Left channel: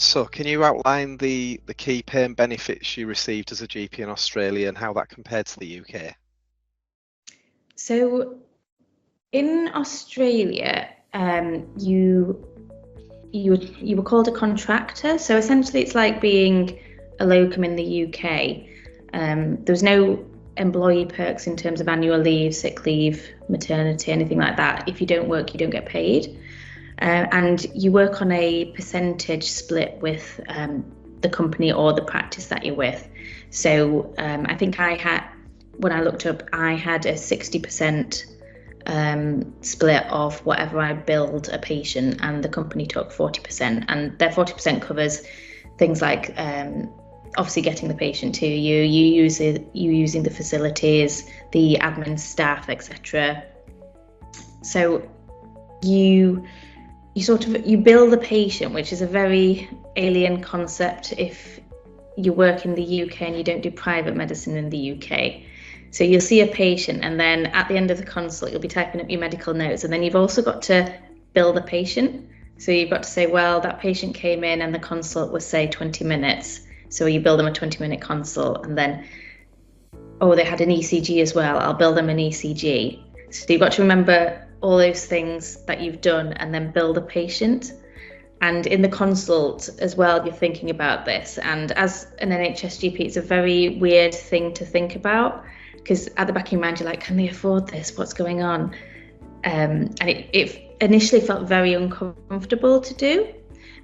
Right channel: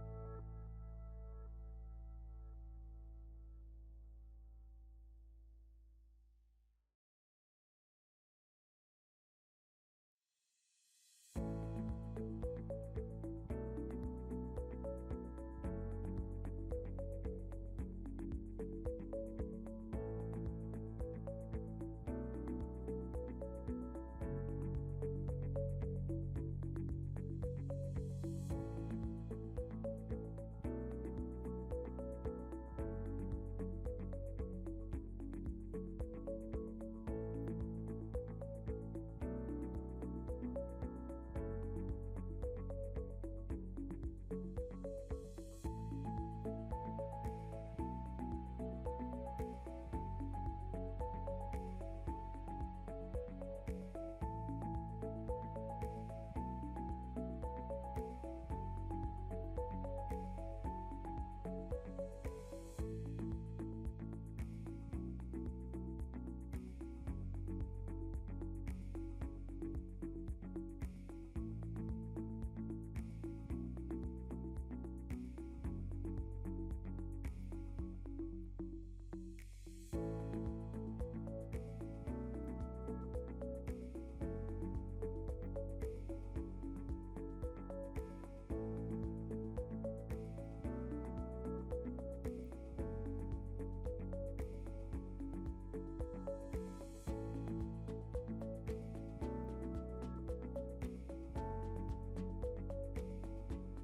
So can you outline the key pay and benefits you received as a GP in Australia and how that compared to the UK? So in Australia, you were called a contractor. So essentially, it's like being a locum in the UK. There was no employee perks in terms of annual leave, sick leave, maternity, anything like that. If you don't work, you don't get paid. And you work on a percentage split with the company or the practice that you're with. So I think when I looked up, I had a 60% split of whatever I billed a patient, and the company took 40%. And their 40% covers things like obviously getting the patient to you using the facilities, the admin staff, etc. So you bill the patient, which is a very alien concept if you work in the UK and you don't do private medicine in the UK. So you'll see a patient, and then at the end of the consult, you'll be typing up your medical notes, and then you've also got to bill the patient. So you've got to say, well, that patient came in and the consult was, say, 20 minutes. So you bill them a 20-minute consult, and then, oh, they had an ECG as well. I'll bill them an ECG. So you've got to remember all those things that you've done and then bill the patient. And in the consult as well, you're thinking about this. And as an NHS GP, it's a very weird thing to think about, because at the back of your mind, you're like, can they afford this? What's going on? And it initially felt very uncomfortable to do.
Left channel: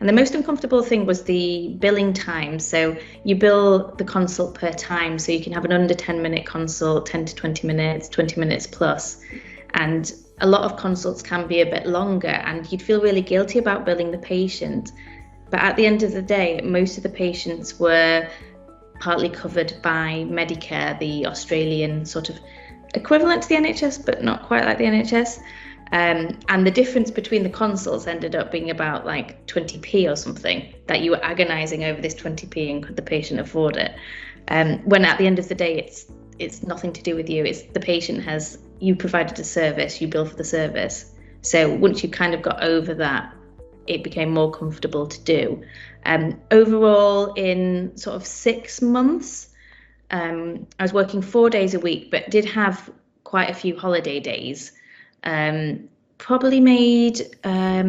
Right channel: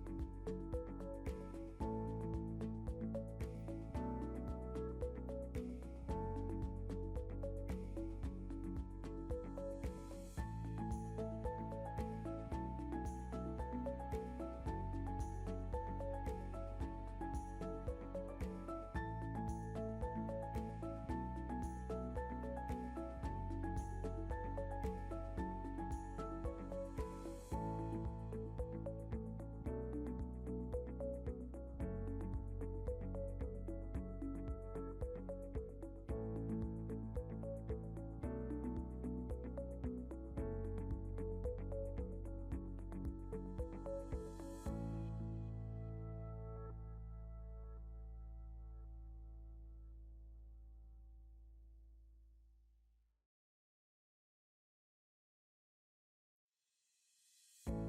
And the most uncomfortable thing was the billing time. So you bill the consult per time, so you can have an under 10-minute consult, 10 to 20 minutes, 20 minutes plus. And a lot of consults can be a bit longer, and you'd feel really guilty about billing the patient. But at the end of the day, most of the patients were partly covered by Medicare, the Australian sort of equivalent to the NHS, but not quite like the NHS. And the difference between the consults ended up being about like 20p or something, that you were agonizing over this 20p and could the patient afford it. When at the end of the day, it's nothing to do with you. It's the patient you provided a service, you bill for the service. So once you kind of got over that, it became more comfortable to do. Overall, in sort of 6 months, I was working 4 days a week, but did have quite a few holiday days. Probably made, I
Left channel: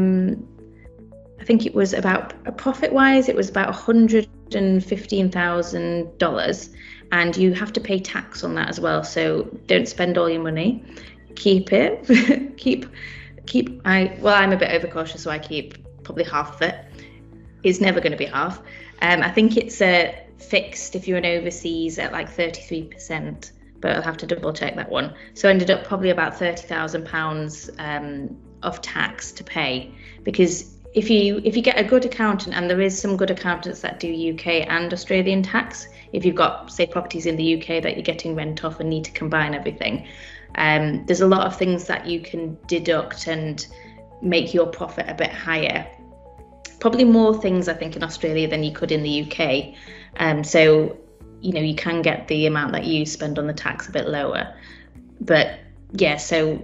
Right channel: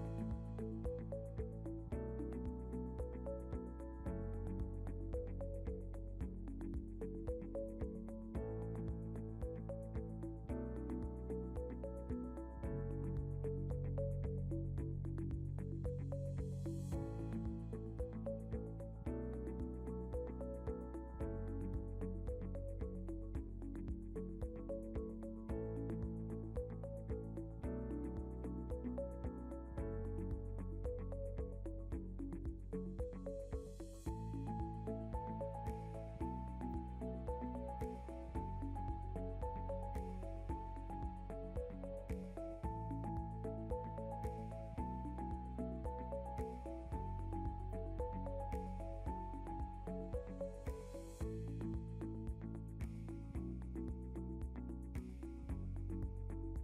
think it was about, profit-wise, it was about $115,000, and you have to pay tax on that as well. So don't spend all your money. Keep it. I'm a bit overcautious, so I keep probably half of it. It's never going to be half. I think it's fixed if you're in overseas at like 33%. But I'll have to double check that one. So I ended up probably about £30,000 of tax to pay, because if you get a good accountant, and there is some good accountants that do UK and Australian tax, if you've got, say, properties in the UK that you're getting rent off and need to combine everything, there's a lot of things that you can deduct and make your profit a bit higher. Probably more things, I think, in Australia than you could in the UK. So you can get the amount that you spend on the tax a bit lower. But yeah, so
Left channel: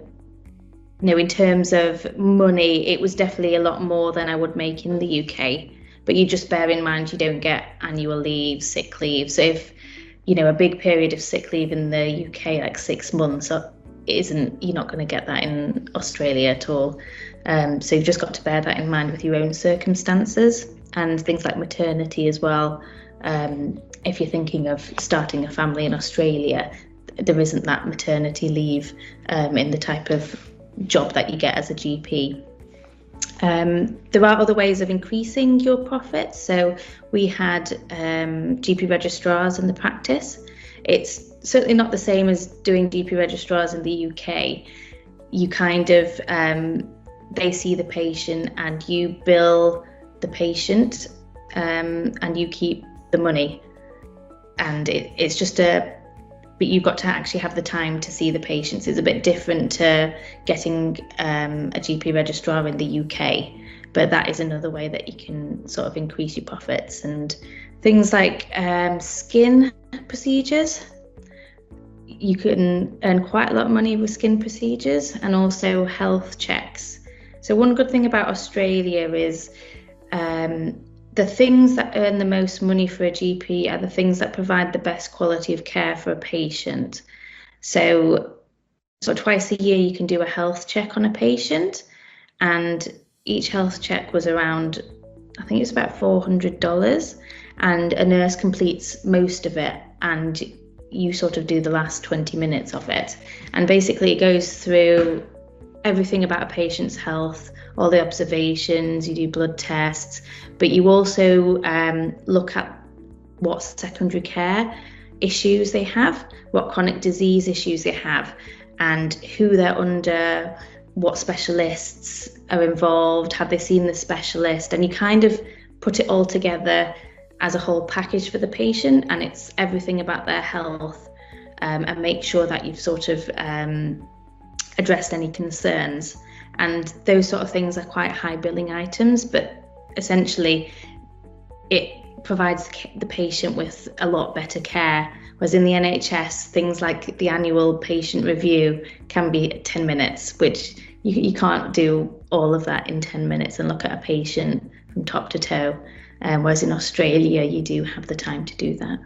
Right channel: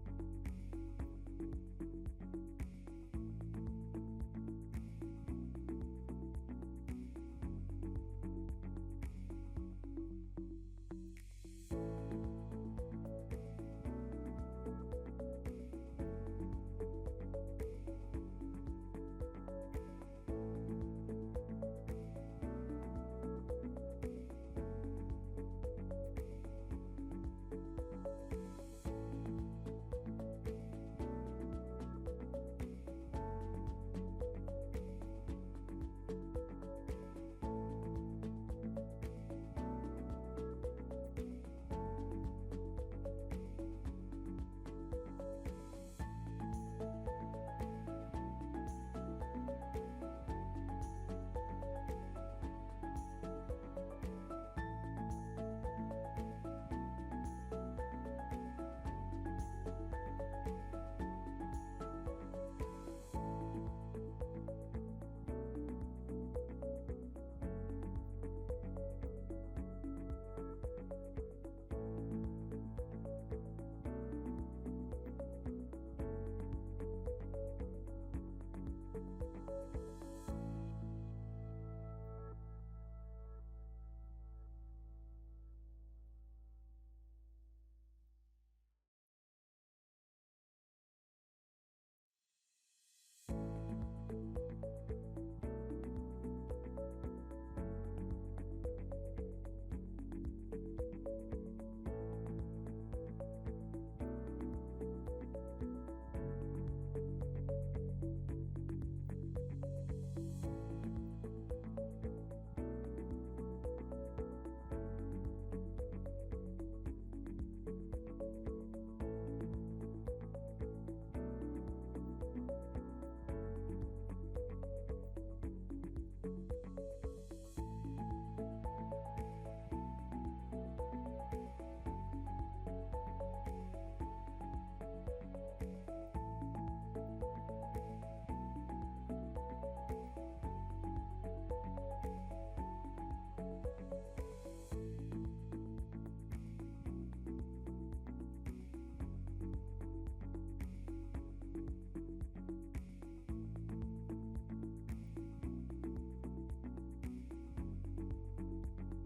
in terms of money, it was definitely a lot more than I would make in the UK. But you just bear in mind, you don't get annual leave, sick leave. So if a big period of sick leave in the UK, like 6 months, you're not going to get that in Australia at all. So you've just got to bear that in mind with your own circumstances, and things like maternity as well. If you're thinking of starting a family in Australia, there isn't that maternity leave in the type of job that you get as a GP. There are other ways of increasing your profits. So we had GP registrars in the practice. It's certainly not the same as doing GP registrars in the UK. You kind of, they see the patient and you bill the patient, and you keep the money. And it's just but you've got to actually have the time to see the patients. It's a bit different to getting a GP registrar in the UK, but that is another way that you can sort of increase your profits. And things like skin procedures, you can earn quite a lot of money with skin procedures, and also health checks. So one good thing about Australia is the things that earn the most money for a GP are the things that provide the best quality of care for a patient. So twice a year you can do a health check on a patient, and each health check was around, I think it's about $400, and a nurse completes most of it, and you sort of do the last 20 minutes of it. And basically it goes through everything about a patient's health, all the observations, you do blood tests, but you also look at what secondary care issues they have, what chronic disease issues they have, and who they're under, what specialists are involved, have they seen the specialist, and you kind of put it all together as a whole package for the patient, and it's everything about their health, and make sure that you've sort of addressed any concerns. And those sort of things are quite high billing items, but essentially it provides the patient with a lot better care. Whereas in the NHS, things like the annual patient review can be 10 minutes, which you can't do all of that in 10 minutes and look at a patient from top to toe. Whereas in Australia, you do have the time to do that.